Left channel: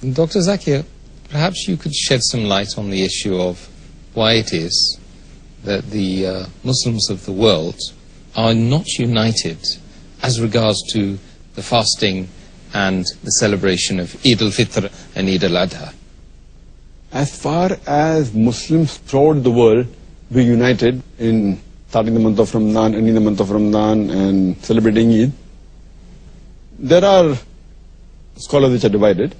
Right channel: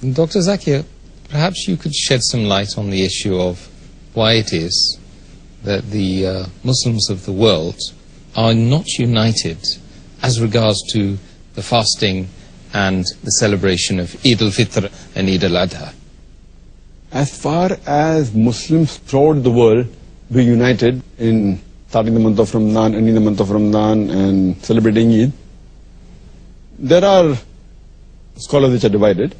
Dr. Zakir, perhaps you could shed some light on the issue of why it is that the Muslims of the world are not united as regards to the fasting and the celebration of Eid al-Fitr and Eid al-Adha. As far as Muslims throughout the world be united in starting the month of Ramadan, ending the month of Ramadan and celebrating Eid, there are scholars which are divided.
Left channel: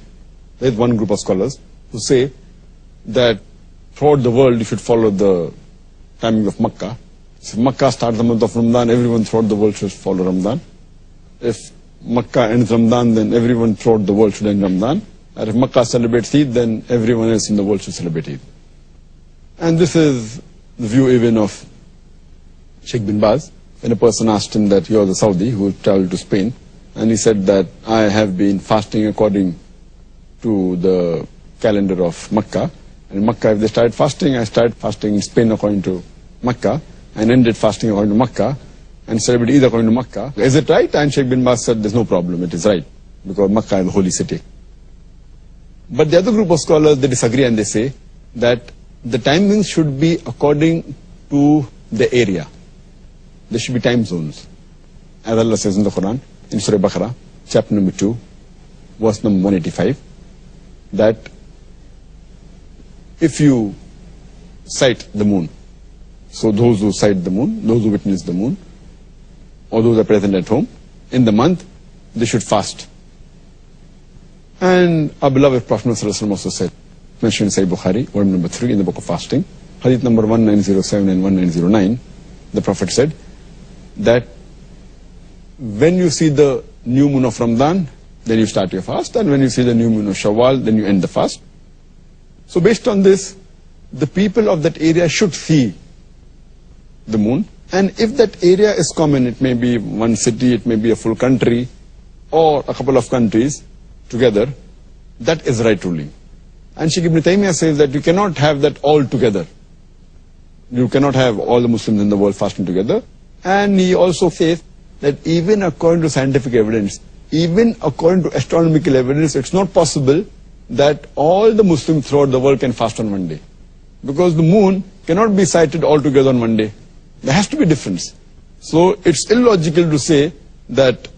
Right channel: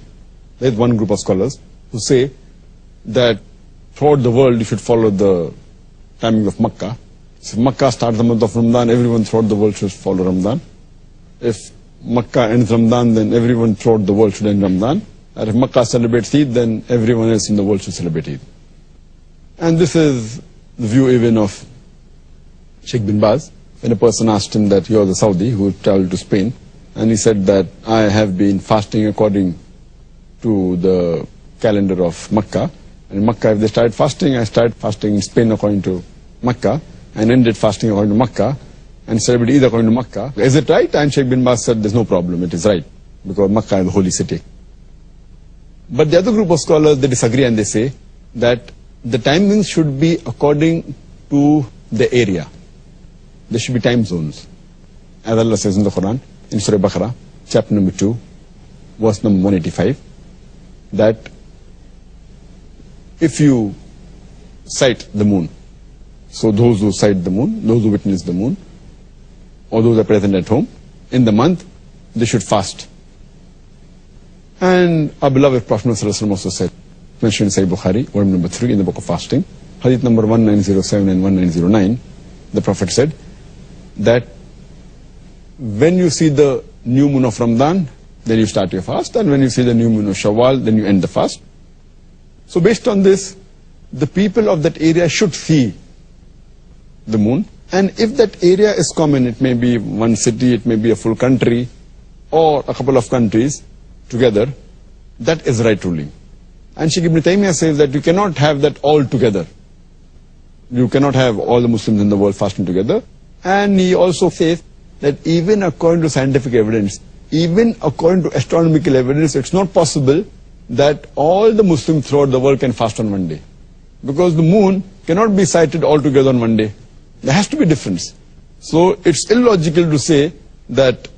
There is one group of scholars who say that throughout the world you should follow the timing of Makkah. So if Makkah starts the month of Ramadan, everyone throughout the world should follow Ramadan. If Makkah ends Ramadan, then everyone throughout the world should end Ramadan. And if Makkah celebrates Eid, then everyone else in the world should celebrate Eid. And this is the view even of Sheikh bin Baz. When a person asked him that he was a Saudi who traveled to Spain, and he said that I have been fasting according to the calendar of Makkah. And in Makkah, if they started fasting, I started fasting in Spain according to Makkah, and ended fasting according to Makkah, and celebrated Eid according to Makkah. Is it right? And Sheikh bin Baz said, there's no problem, it is right, because Makkah is the holy city. But the other group of scholars, they disagree and they say that the timings should be according to the area. There should be time zones. As Allah says in the Quran, in Surah Baqarah, chapter number 2, verse number 185, that if you sight the moon, so those who sight the moon, those who witness the moon, or those who are present at home, in the month, they should fast. And our beloved Prophet ﷺ also said, mentioned in Sahih Bukhari, volume number 3 in the book of fasting, hadith number 1907 and 1909, the Prophet said that when you see the new moon of Ramadan, then you start your fast, and when you see the new moon of Shawwal, then you end the fast. So based on this, the people of that area should see the moon, and if that area is common, it may be one city, it may be a full country, or a couple of countries together, that is right ruling. And Shaykh Ibn Taymiyyah says that you cannot have that all together. You cannot have all the Muslims in the world fasting together. And he also says that even according to scientific evidence, even according to astronomical evidence, it's not possible that all the Muslims throughout the world can fast on one day. Because the moon cannot be sighted all together on one day. There has to be a difference. So it's illogical to say that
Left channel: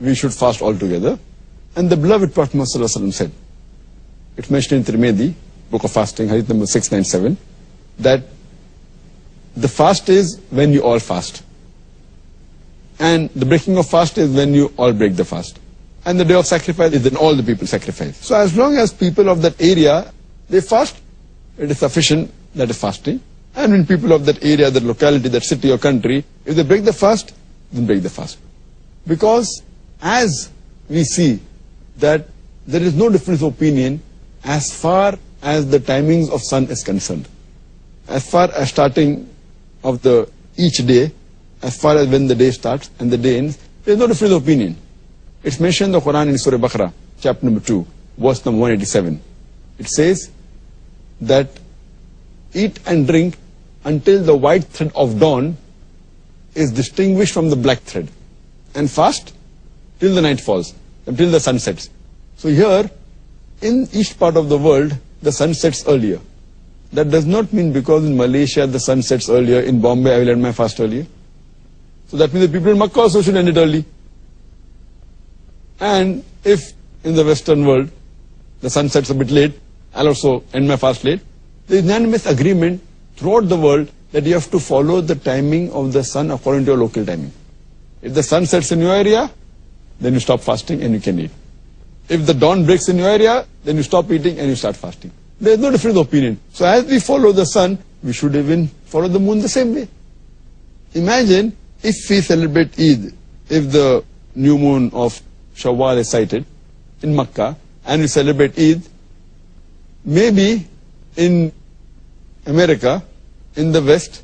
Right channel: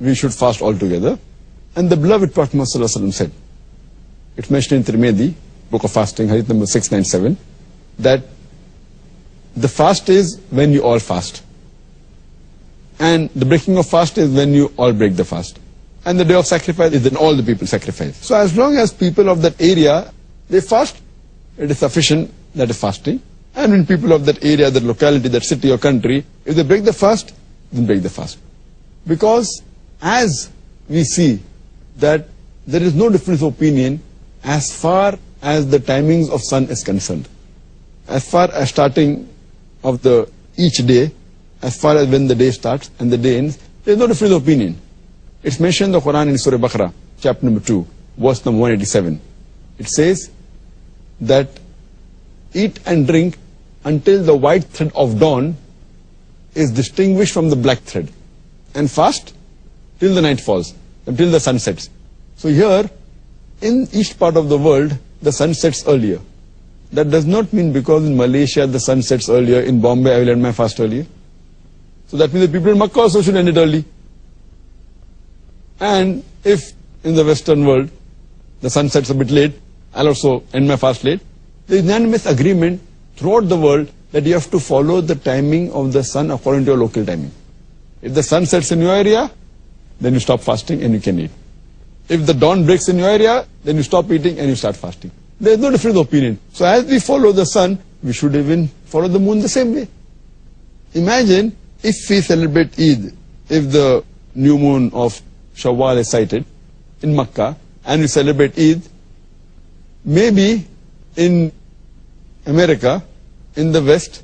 we should fast all together. And the beloved Prophet ﷺ said, it's mentioned in Tirmidhi, book of fasting, hadith number 697, that the fast is when you all fast. And the breaking of fast is when you all break the fast. And the day of sacrifice is when all the people sacrifice. So as long as people of that area, they fast, it is sufficient, that is fasting. And when people of that area, that locality, that city or country, if they break the fast, then break the fast. Because as we see that there is no difference of opinion as far as the timings of sun is concerned. As far as starting of the each day, as far as when the day starts and the day ends, there is no difference of opinion. It's mentioned in the Quran in Surah Baqarah, chapter number 2, verse number 187. It says that eat and drink until the white thread of dawn is distinguished from the black thread, and fast till the night falls, until the sun sets. So here, in each part of the world, the sun sets earlier. That does not mean because in Malaysia the sun sets earlier, in Bombay I will end my fast earlier. So that means the people in Makkah also should end it early. And if in the Western world the sun sets a bit late, I'll also end my fast late. There is unanimous agreement throughout the world that you have to follow the timing of the sun according to your local timing. If the sun sets in your area, then you stop fasting and you can eat. If the dawn breaks in your area, then you stop eating and you start fasting. There is no difference of opinion. So as we follow the sun, we should even follow the moon the same way. Imagine if we celebrate Eid, if the new moon of Shawwal is sighted in Makkah, and we celebrate Eid, maybe in America, in the West,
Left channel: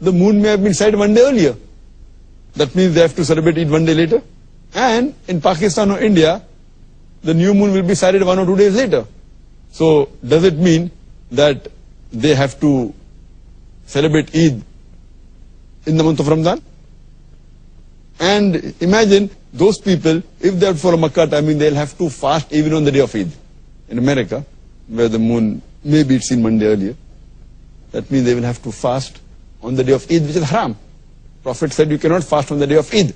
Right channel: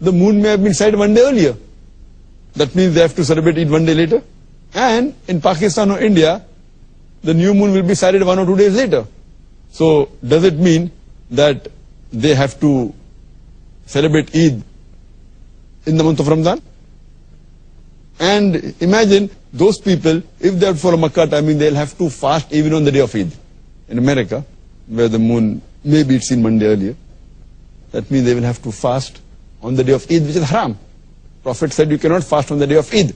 the moon may have been sighted one day earlier. That means they have to celebrate Eid one day later. And in Pakistan or India, the new moon will be sighted 1 or 2 days later. So does it mean that they have to celebrate Eid in the month of Ramadan? And imagine those people, if they are for a Makkah timing, they'll have to fast even on the day of Eid. in America, where the moon maybe it's seen Monday earlier, that means they will have to fast on the day of Eid, which is haram. Prophet said you cannot fast on the day of Eid.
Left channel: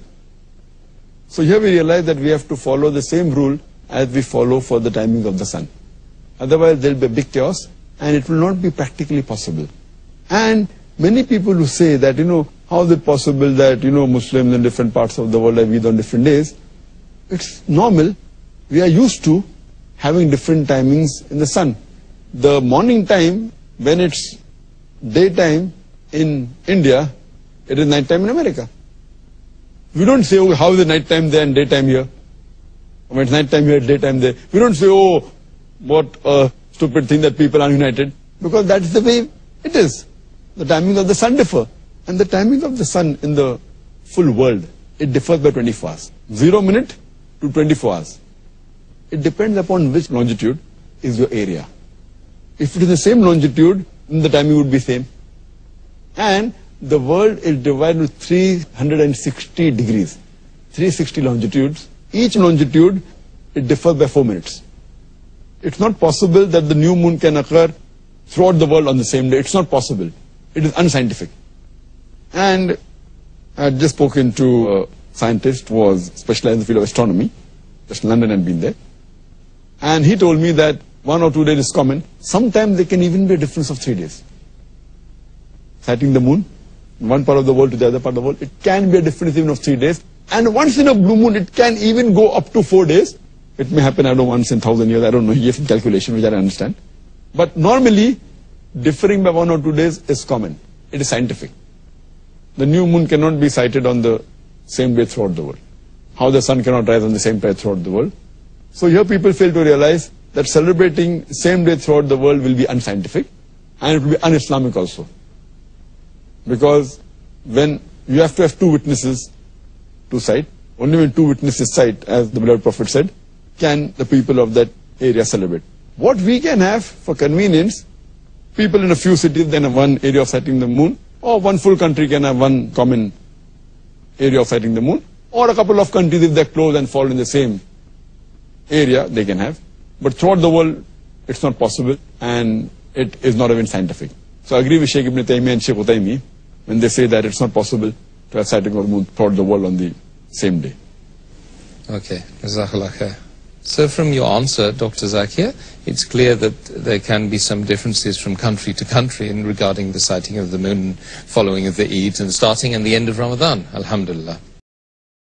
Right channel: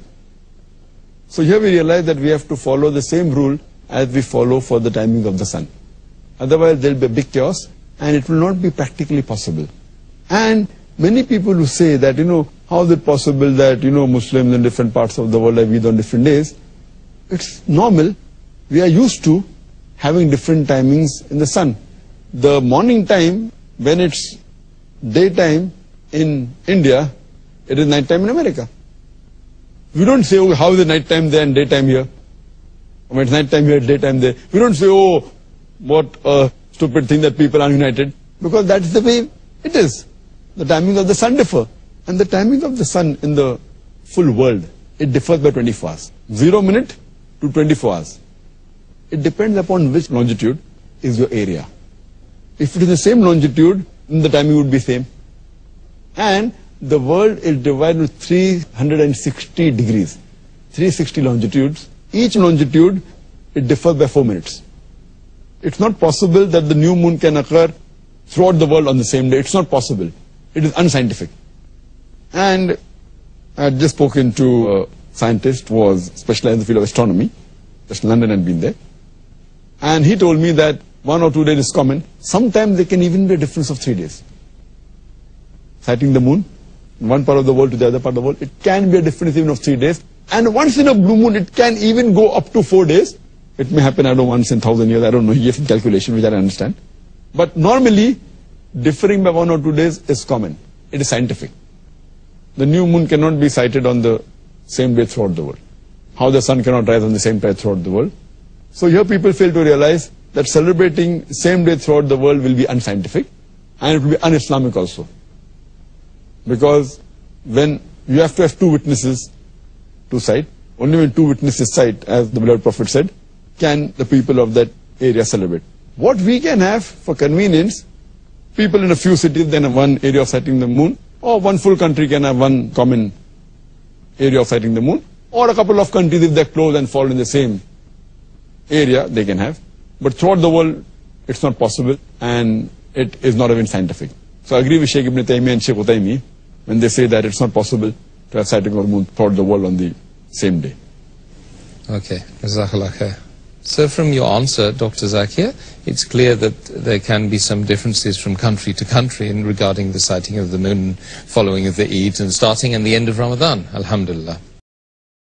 So here we realize that we have to follow the same rule as we follow for the timings of the sun. Otherwise there will be a big chaos and it will not be practically possible. And many people who say that, how is it possible that, Muslims in different parts of the world have Eid on different days? It's normal. We are used to having different timings in the sun. The morning time, when it's daytime in India, it is night time in America. We don't say, oh, how is it night time there and daytime here? When it's night time here, daytime there. We don't say, oh, what a stupid thing that people are united. Because that's the way it is. The timings of the sun differ. And the timings of the sun in the full world, it differs by 24 hours. 0 minute to 24 hours. It depends upon which longitude is your area. If it is the same longitude, then the timing would be same. And the world is divided into 360 degrees, 360 longitudes. Each longitude, it differs by 4 minutes. It's not possible that the new moon can occur throughout the world on the same day. It's not possible. It is unscientific. And I had just spoken to a scientist who was specialized in the field of astronomy. Just London had been there. And he told me that 1 or 2 days is common. Sometimes there can even be a difference of 3 days. Sighting the moon, in one part of the world to the other part of the world, it can be a difference even of 3 days. And once in a blue moon, it can even go up to 4 days. It may happen, I don't know, once in 1,000 years. I don't know, he gave some calculation, which I don't understand. But normally, differing by 1 or 2 days is common. It is scientific. The new moon cannot be sighted on the same day throughout the world. How the sun cannot rise on the same time throughout the world. So here people fail to realize that celebrating same day throughout the world will be unscientific. And it will be un-Islamic also. Because when you have to have 2 witnesses to sight, only when 2 witnesses sight, as the beloved Prophet said, can the people of that area celebrate. What we can have for convenience, people in a few cities then have one area of sighting the moon, or one full country can have one common area of sighting the moon, or a couple of countries, if they're close and fall in the same area, they can have. But throughout the world, it's not possible, and it is not even scientific. So I agree with Sheikh Ibn Taymiyyah and Sheikh Utaymi when they say that it's not possible to have sighting of the moon throughout the world on the same day. Okay, Jazakallah khair. So from your answer, Dr. Zakir, it's clear that there can be some differences from country to country in regarding the sighting of the moon following of the Eid and starting and the end of Ramadan, alhamdulillah.